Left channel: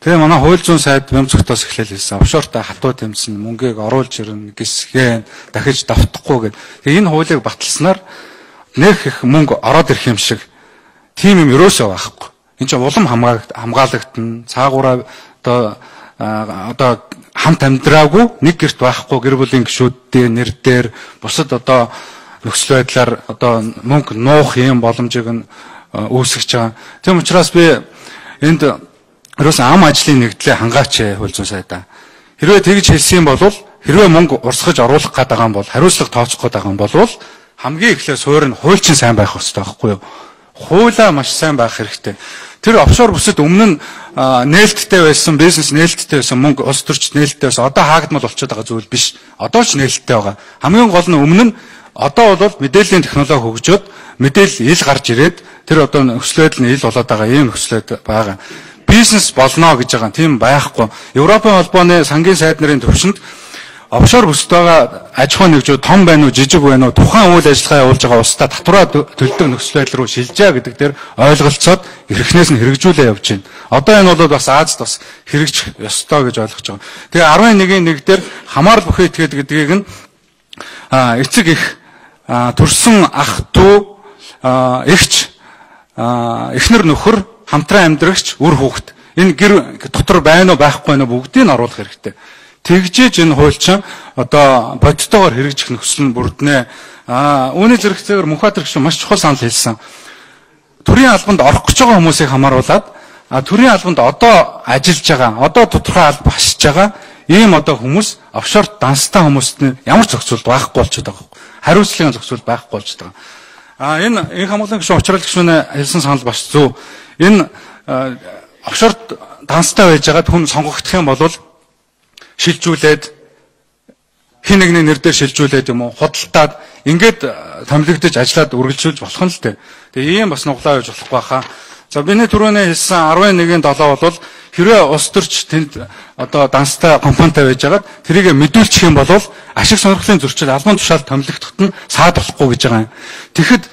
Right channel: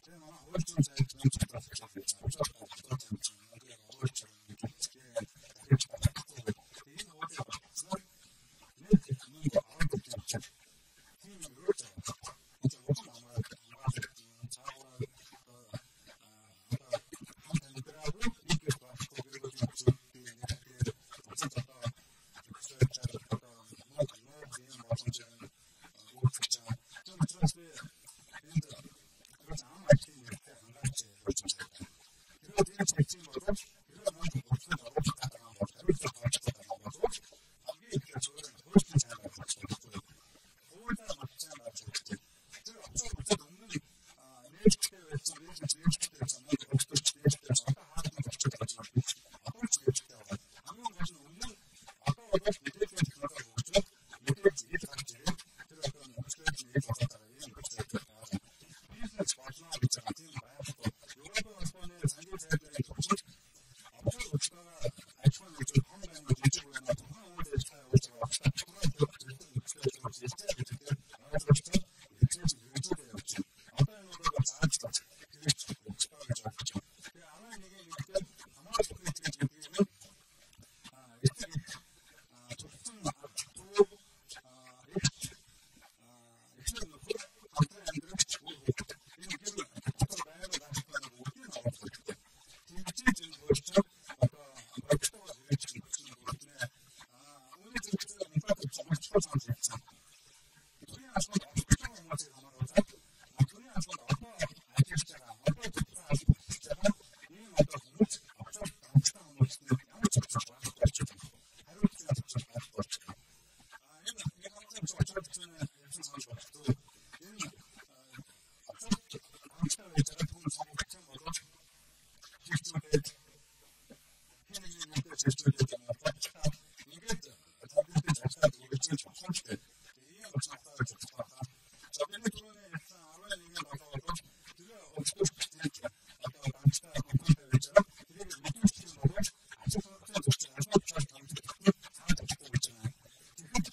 Тэгээ манай хууль зүйн сайд Мемцогтоос эхлээл хэлсэн. Офшортой хатуу тэмцэн мөнгийг оруулж ирнэ, гисгэн дахиж давтахгүй гэдэг. Тэгээ энэ хуулийг баталснаар нэх их мөнгө ороод ирэх юм шиг тийм юм ерөөсөө байхгүй. Энд чинь улам хамгаалагдана. Цаагаараа одоо хамт амьдраагүй нэг гэрт байхгүй гэр бүлийн гишүүдийн нэр дээр бусад одоо нөхцөл байдлаар одоо мөнгө нуух юм боломжийг нь үүсгэж байгаа. Тийм учраас би энд ерөөсөн ам ажлын нэгдлээ хангаач хууль зүйн сайдаа. Хэрвээ тэгж хэлсэн бол хэрвээ мөнгө урсгаж оруулах гээд байгаа юм бол хариуцлага тооцох гээд байгаа юм бол хамгийн эхлээд суурь нь хуульчин сайн байх хэрэгтэй байхгүй юу? Хуулаа маш сайн байх хэрэгтэй. Тэр офшор бүсэд өмнө нь нээлттэй байсан, бизнес нээлттэй байсан, мөнгө улс төрч нээлттэй байсан. Одоо хаагдмал болчиход байгаа зүйл биш. Одоо ч нээлттэй байгаа. Хамгийн гол нь өмнө нь одоо бол мэдээллийн технологи хөгжөөд мэдээлэл ил гарч ирээд тэр одоо нөхцөл байдал нь ил болоод байгаа ийм нөхцөл байгаа. Бизнес болно гэж байгаа. Тийм байхгүй. Европын холбооны сангийн сайд нарын төвшөнд офшор бүсэд байгаа аж ахуйн нэгжүүд том байна уу, жижиг байна уу, тухайн үйл ажиллагаа явуулж байгаа улстай татвараа төлдөг нөхцөл байдал руу шилжээ гэдэг дээр ойлголцоод эрхнээс нь хэрэгжүүлээ явж байна. Одоо энэ бол бас Азад бас хэрэгжих ёстой гэж ойлгож байгаа. Тэгээ 11-1 дээр хамаарал бүхий этгээд гэдгийг нь эцэг их төрсөн ах дүү эгч эхнэр нөхөр хамтран амьдрагч үр хүүхэд энэ гэр дотор байна уу байхгүй нь бүгдийг нь оруулах хэрэгтэй. Тэгжээж энэ хууль чинь одоо бодтойгоор хэрэгжих нөхцөл нь бүрднэ. Үүний зэрэгцээгээр Мөнхбаатар гишүүн маш чухал санал хэлсэн. Төрийн албанд орох гэж байгаа хүмүүсийг хамааруулад төрийн албанд одоо ажиллаж байгаа, одоо тодорхой алба хасж байгаа ийм одоо хүмүүс офшорт данстай хүмүүст нь ямар зохицуулт байхгүй болчиход байгаа юм. Хариуцлагын зохицуулт байхгүй болчиход байгаа. Энэ хамгааллын гишүүн уучрал гишүүнээ хэлсэн санал бас зөв. Энэ офшорт данстай байж байгаа хүн сонгогдох юм бол шилжүүлээд хин нэгний нэр дээр шилжүүлээд юм уу худалдаад ингээд томилогдож ажиллаад үргэлжлүүлж болох нь л дээ. Тэгээ ийм бас нуглаа байж болохгүй хаа. За биний түрүүний хэлсэн 11-7 бол хэрвээ улс төрч тэнд одоо данстай компанитай байж байгаад тэрийг мэдүүлчих юм бол ашиг сонирхлын зөрчил албан тушаал томилогдоход нь саад болохгүй гэж байгаа юм. Тэгэхэд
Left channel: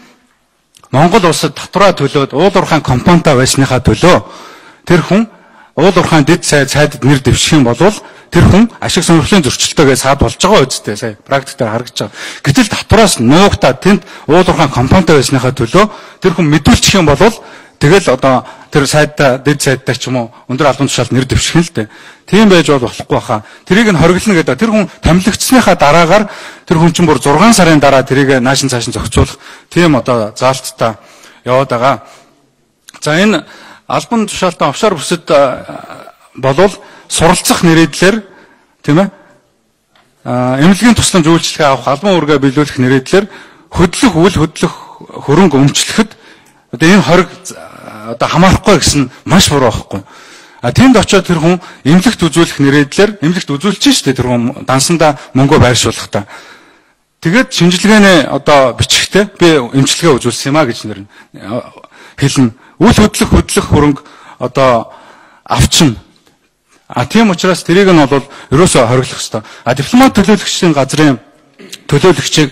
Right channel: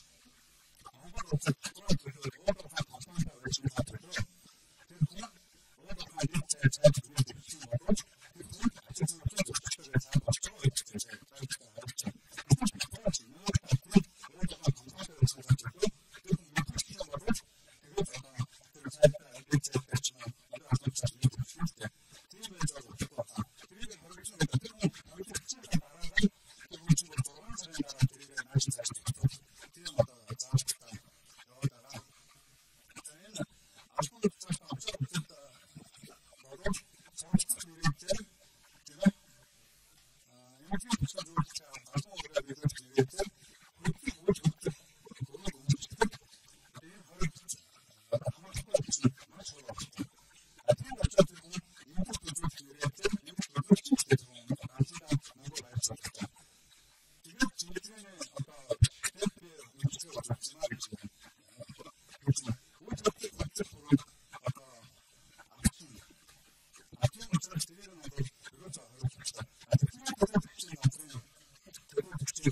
Монгол улсад татвараа төлөөд уул уурхайн компанитай байсныхаа төлөө тэр хүн уул уурхайн дэд сайдад нэр дэвших юм бол тэр хүн ашиг сонирхлын зөрчилтөөгөө саад болж байгаа үсттэй сая практикээр харагдаж байгаа. Гэтэл татвараас нуугтаа тэнд уул уурхайн компанитай байсныхаа төлөө тэр хүн мэдүүлчих юм бол тэгэл одоо тэр сайдаа дэд сайдаа ч юм уу өндөр албан тушаалд нэр дэвших нь л дээ. Тийм байж болохгүй хаа. Тэрийг нь хориглоно гэдэг. Тэр хүн томилогдсныхаа дараагаар тэр хүн чинь бүр 6 сарын дараа тэрийг наашин цаашин зохицуулах тийм одоо заалттай яваад байгаа. За энэ албан тушаалтай офшор бүсэд болвол суралцах нэрийдлэр тийм ээ эмнэлгийн тусламж үйлчлэгээ авах албан үүргээ биелүүлэх нэрийдлэр хөдлөх үйл хөдлөх хөрөнгө өмчлөхөд одоо энэ хориг одоо хамаарахгүй гэсэн маш буруу байхгүй. Тэнд очиод тэр хүн эмнэлэгт үзүүлэх нэрийдлэр эмнэлэгт үзүүлчих шүү дээ тэр хүн дансандаа мөнгөө байршуулах та. Тэгээд шинжилгээний одоо бичгтээ би эмчилгээ үзүүлсэн юм а гэж нэр хэлнэ. Үйл хөдлөх хөрөнгө одоо авчин. Тийм учраас тэрийг нь бол ерөөсөө хориглох ёстой. Дипломат төлөөлөгчдийн газрын төлөөлөгчийг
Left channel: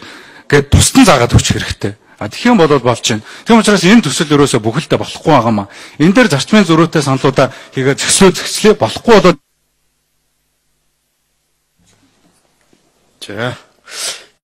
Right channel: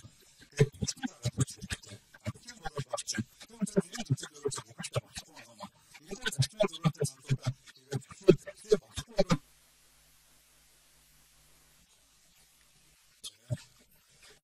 гээд тусдан заагаад өгчих хэрэгтэй. Тэгэх юм бол болж байна. Тийм учраас энэ төсөл ерөөсөө бүхэлдээ болохгүй байгаамаа. Энэ дээр зарчмын зөрүүтэй саналуудаа хийгээд зөкслөө болохгүй бол. За